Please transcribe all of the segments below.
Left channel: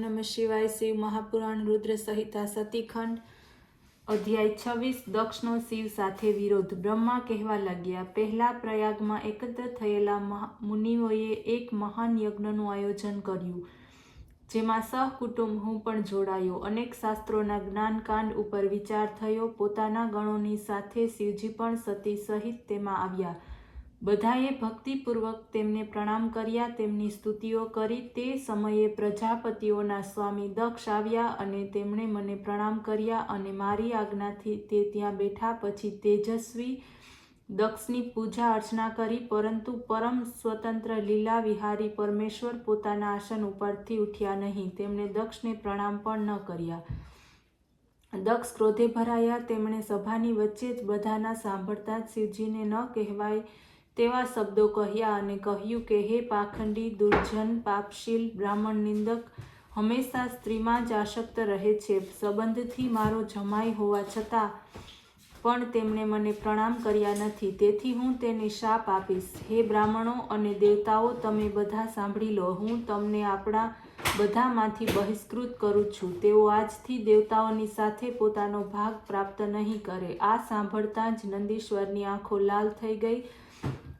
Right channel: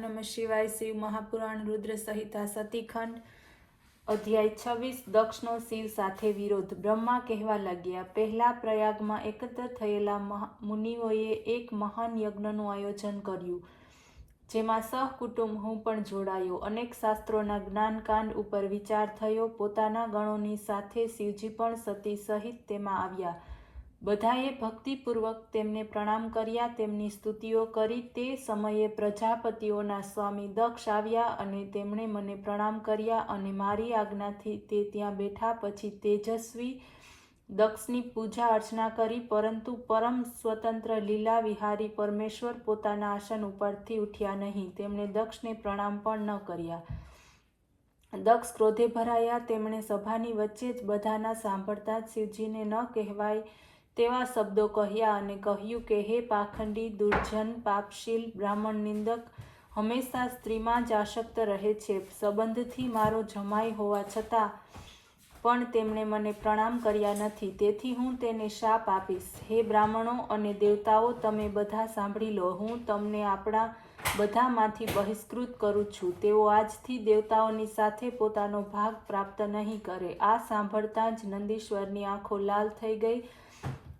नमः शिवाय। शिव महापुराण रुद्र संहिता सतीखंड अध्याय 26। दक्षनो शिव साथे विरोध। ब्रह्मा कहेवा लाग्या, पहला प्रयागमां एकत्र थयेला मुनिओए एक महान यज्ञનું આયોજન કર્યું, જેમાં સહકુટુંબ હું પણ જોડાયો। અનેક શાસ્ત્રોના જ્ઞાનકાંડ ઉપર વિચાર થયો। પોતાના ગણોની સાથે શિવજી પણ સતી સહિત તેમાં આવ્યા। બધાએ ભક્તિપૂર્વક તેમને પ્રણામ કર્યા, તેમની સ્તુતિઓ કરી। તે સમયે પ્રજાપતિઓના સ્વામી દક્ષ આવ્યા અને તેમણે મને પ્રણામ કર્યા અને મારી આજ્ઞાથી તે ત્યાં બેઠા। પછી તેજસ્વી દક્ષની પૂજા અર્ચના કરી, પરંતુ પરમ સ્વતંત્ર લીલા વિહારી પરમેશ્વર પોતાના આસન ઉપરથી ઉઠ્યા નહીં। તેમણે દક્ષને પ્રણામ પણ ન કર્યા। દક્ષ ક્રોધે ભરાયા। તેમણે સભાની વચ્ચે જ બધાના સાંભળતા જ શિવજીને ન કહેવાય તેવા શબ્દો કહ્યા અને કહ્યું કે હે પાખંડી, દુર્જન, પાપશીલ, બ્રાહ્મણ નિંદક, હંમેશા સ્ત્રીમાં જ આસક્ત રહે છે। સંબંધથી મારો જમાઈ હોવા છતાં પણ તેમણે મને પ્રણામ કર્યા નથી, તેથી હું તેને શાપ આપીશ। હે બ્રાહ્મણો અને દેવતાઓ, તમે બધા સાંભળી લો। હું તમને આપણા બધામાંથી બહિષ્કૃત કરું છું। તેઓ આજથી દેવતાઓની સાથે પોતાનો ભાગ પ્રાપ્ત નહીં કરે। આ સાંભળતા જ નંદીશ્વરની આંખો લાલ થઈ ગઈ।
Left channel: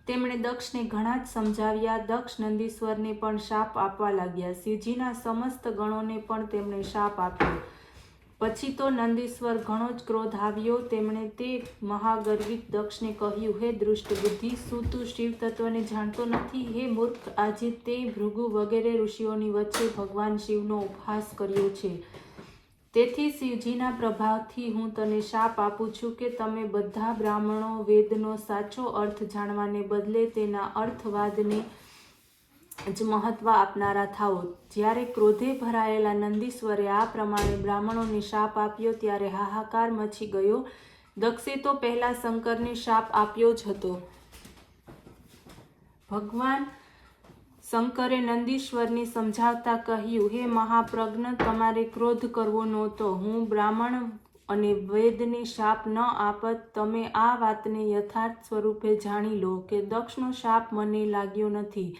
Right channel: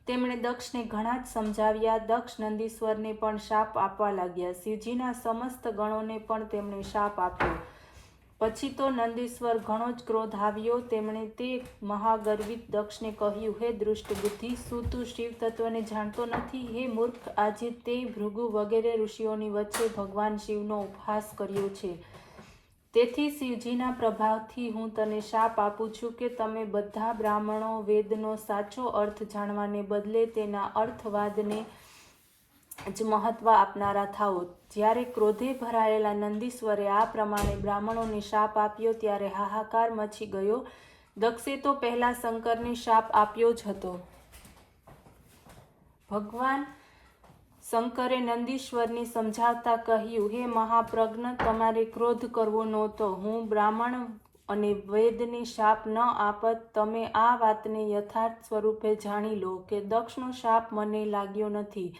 તેમણે દક્ષને ઘણા જ સમજાવ્યા। દક્ષ નંદીશ્વરને પણ શાપ આપવા लाग्યા। શિવજીના સમસ્ત ગણોને પણ તેમણે શાપ આપ્યો। પછી તો નંદીશ્વર ઘણો જ ક્રોધ આવ્યો। તેમણે તે મહાગર્વિત દક્ષને કહ્યું, હે દુષ્ટ બુદ્ધિ, શું તું શિવ તત્વને જાણતો નથી? હે મૂર્ખ, આજે તે ભૃગુ વગેરે ઋષિઓની વચ્ચે ભગવાન શિવનો ઉપહાસ કર્યો છે। તેથી શિવજીના પ્રભાવથી હું તને શાપ આપું છું કે તમે બધા બ્રાહ્મણો વેદનો સાચો અર્થ જાણવાને બદલે તેના અર્થવાદને જ મહત્વ આપનારા થાઓ। જ્યારે ક્રોધે ભરાયેલા નંદીશ્વરે આ પ્રમાણે બ્રાહ્મણોને શાપ આપ્યો ત્યારે હાહાકાર મચી ગયો। દક્ષે તો પહેલા શંકરને શાપ આપ્યો જ હતો। ભગવાન શંકરે નંદીશ્વરને સમજાવતા કહ્યું, હે મહાપ્રજ્ઞ, તમારે ક્રોધ કરવો નહોતો। હું બ્રાહ્મણ અને વેદને શાપ ન આપત। તમે આ વાતને યથાર્થ સ્વરૂપે જાણી લો કે દક્ષનો શાપ મને લાગ્યો નથી।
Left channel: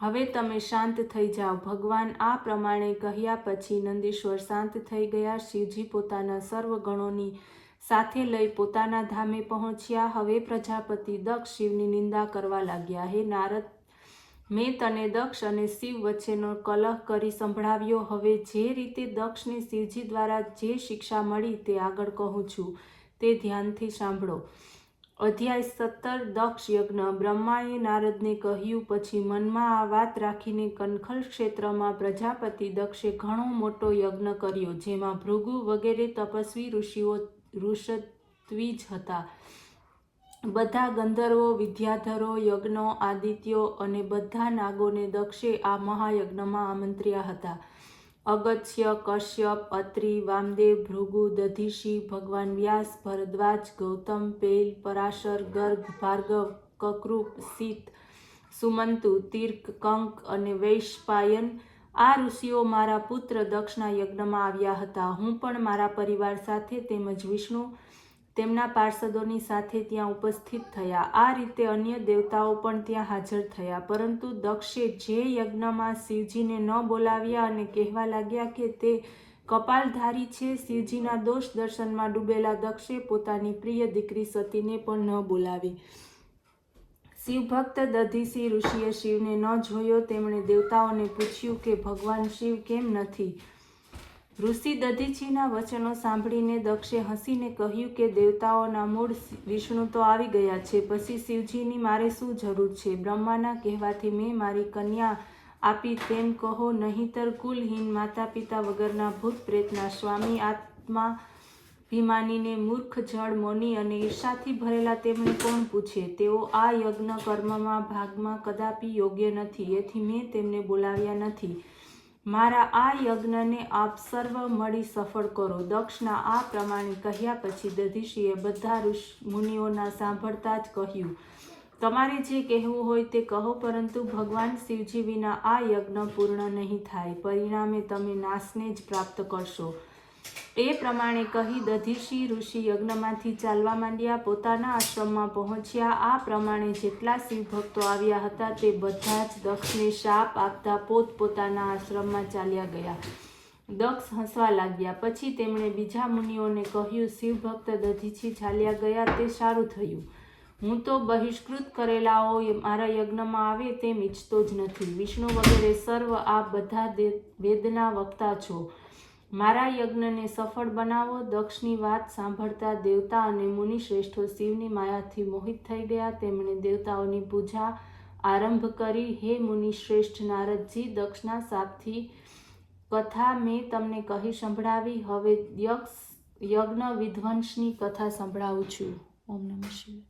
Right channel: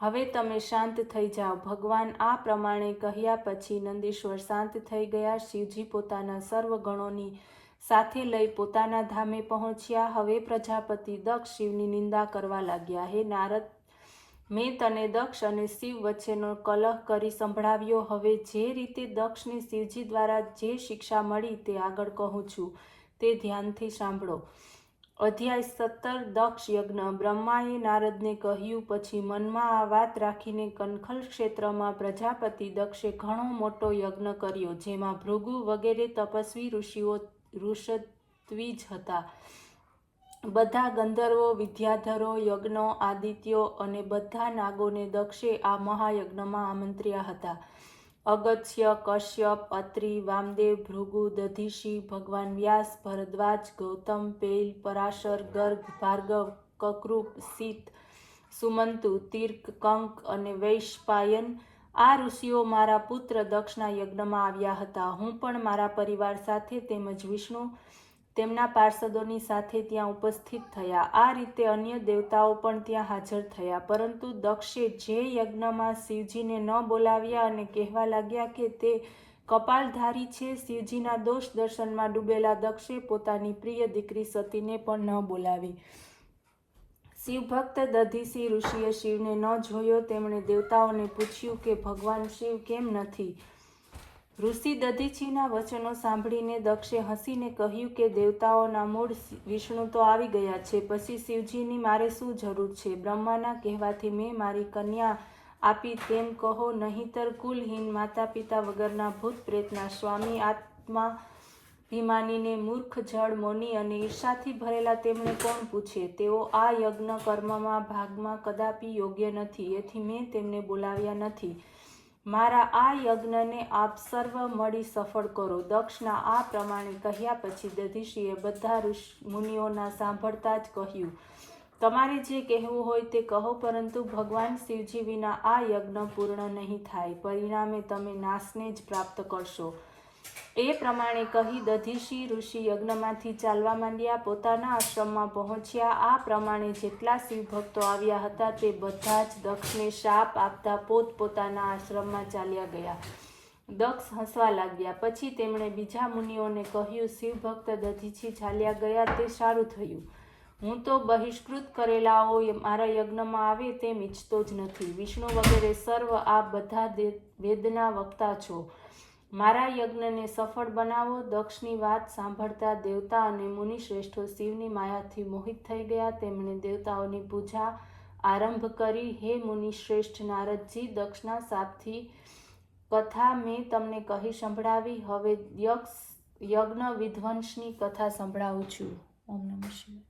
હવે તમે શાંત થઈ જાઓ। ભગવાન આ પ્રમાણે કહ્યા પછી નંદીશ્વર શાંત થઈ ગયા। શિવજી પોતાના સર્વ ગણોની સાથે લઈ પોતાના ધામે પહોંચ્યા। હવે પ્રજાપતિ દક્ષ શિવની નિંદા કરવા लाग्યા। હે નારદ, મેં તને દક્ષ અને શિવ વચ્ચેનો કલહ કરી સંભળાવ્યો। હવે જે રીતે દક્ષને શિવજી દ્વારા જે શિક્ષા મળી તે આગળ કહું છું, તે ધ્યાનથી સાંભળો। અધ્યાય 17। દક્ષ યજ્ઞ। બ્રહ્માએ નારદને કહ્યું પછી મનમાં આ વાત રાખીને કનખલ ક્ષેત્રમાં પ્રજાપતિ દક્ષે ઘણો મોટો યજ્ઞ કર્યો, જેમાં ભૃગુ વગેરે તપસ્વી ઋષિઓ ઋષદ્વિજ હતા। બધા ગંધર્વો, વિદ્યાધરો, યજ્ઞો, આદિત્યો અને બધા નાગોને દક્ષે આ મહાયજ્ઞમાં આમંત્ર્યા હતા। અગસ્ત્ય, કશ્યપ, અત્રિ, વામદેવ, ભૃગુ, દધીશી, ભગવાન વ્યાસ, ભરદ્વાજ, ગૌતમ, પેલ, પરાશર, ગર્ગ, ભાર્ગવ, કકૃપ, શીત, સુમંતુ, તીર્ક, કંક અને વૈશંપાયન આ ઋષિઓ મારા પુત્ર દક્ષના યજ્ઞમાં આવ્યા હતા। હું પણ મારા પરિવાર સાથે તેમજ વિષ્ણુ તેમના પાર્ષદોની સાથે ત્યાં ઉપસ્થિત થયા। આ રીતે અન્ય દેવતાઓ પણ ત્યાં હાજર થયા। પરંતુ દક્ષે જે યજ્ઞમાં શિવજીને ન બોલાવ્યા અને કહેવા લાગ્યા કે તે કપાલધારી છે। શિવજીના દોષ દર્શનમાં ડૂબેલા દક્ષે પોતાની પ્રિય દીકરી સતીને પણ ન બોલાવી। શિવભક્ત દધીસી ઋષિએ શિવને ન જોયો। તેમણે દેવતાઓને પૂછ્યું કે ભગવાન શિવ કેમ નથી? ઋષિ દધીચીના વચનો સાંભળીને દક્ષે હસીને કહ્યું કે દેવતાઓના મૂળ વિષ્ણુ તો આવી ગયા છે, પછી શિવજીની મારે શું જરૂર છે? બ્રહ્માના કહેવાથી મેં મારી કન્યા આપી તેમ કહો, નહીંતર કુલહીન માતા પિતા વગરના ભૂત પ્રેતના સ્વામી આત્મા ભિમાનીને મૂર્ખ જળ મોની અને ઈર્ષાથી ભરેલા તેમને કોણ પૂછે? તેઓ આ યજ્ઞ કર્મમાં ભાગમાં કદાપી યોગ્ય નથી, એથી મેં તેમને બોલાવ્યા નથી। મારા આ યજ્ઞને આપ સર્વ મળી સફળ કરો। દક્ષના આ પ્રમાણે કહ્યા પછી દધીશીએ બધા મુનિઓના સાંભળતા જ કહ્યું, તમારે જે કહેવું હોય તે કહો, પરંતુ ભગવાન શિવજી વિના આ યજ્ઞ પૂર્ણ નહીં થાય। પરિણામે તમે નાશને જ પ્રાપ્ત કરશો। એ પ્રમાણે કહી દધીચી ઋષિ યજ્ઞમાંથી ચાલવા માંડ્યા, પોતાના આશ્રમમાં પહોંચ્યા. આ પ્રમાણે જેટલા શિવભક્તો આવ્યા હતા તે બધા જ દક્ષને શાપ આપતા પોતપોતાના આશ્રમમાં ચાલ્યા ગયા. દક્ષ હસવા લાગ્યા. પછી તેમણે બીજા મુનિઓને કહ્યું, શિવભક્ત દધીચી ચાલ્યા ગયા તે સારું થયું. હું તો બહિષ્કૃત કરેલાઓ મારા યજ્ઞમાં આવે તેમ ઈચ્છતો જ નથી. વિષ્ણુ વગેરે સર્વ આ બધા વેદના વક્તા છો. મારા યજ્ઞને સફળ બનાવો. દક્ષની વાત સાંભળતા દેવતા અને મુનિ શ્રેષ્ઠો શિવની માયાથી મોહિત થઈ ગયા. તેમણે દેવતાઓની પૂજા આરંભ કરી. હે મુનિ શ્રેષ્ઠ નારદજી, દક્ષના શાપથી કથા મેં તમને કહી સંભળાવી. હવે યજ્ઞ વિધ્વંસની કથા સંભળાવું છું. ઓમ નમઃ શિવાય.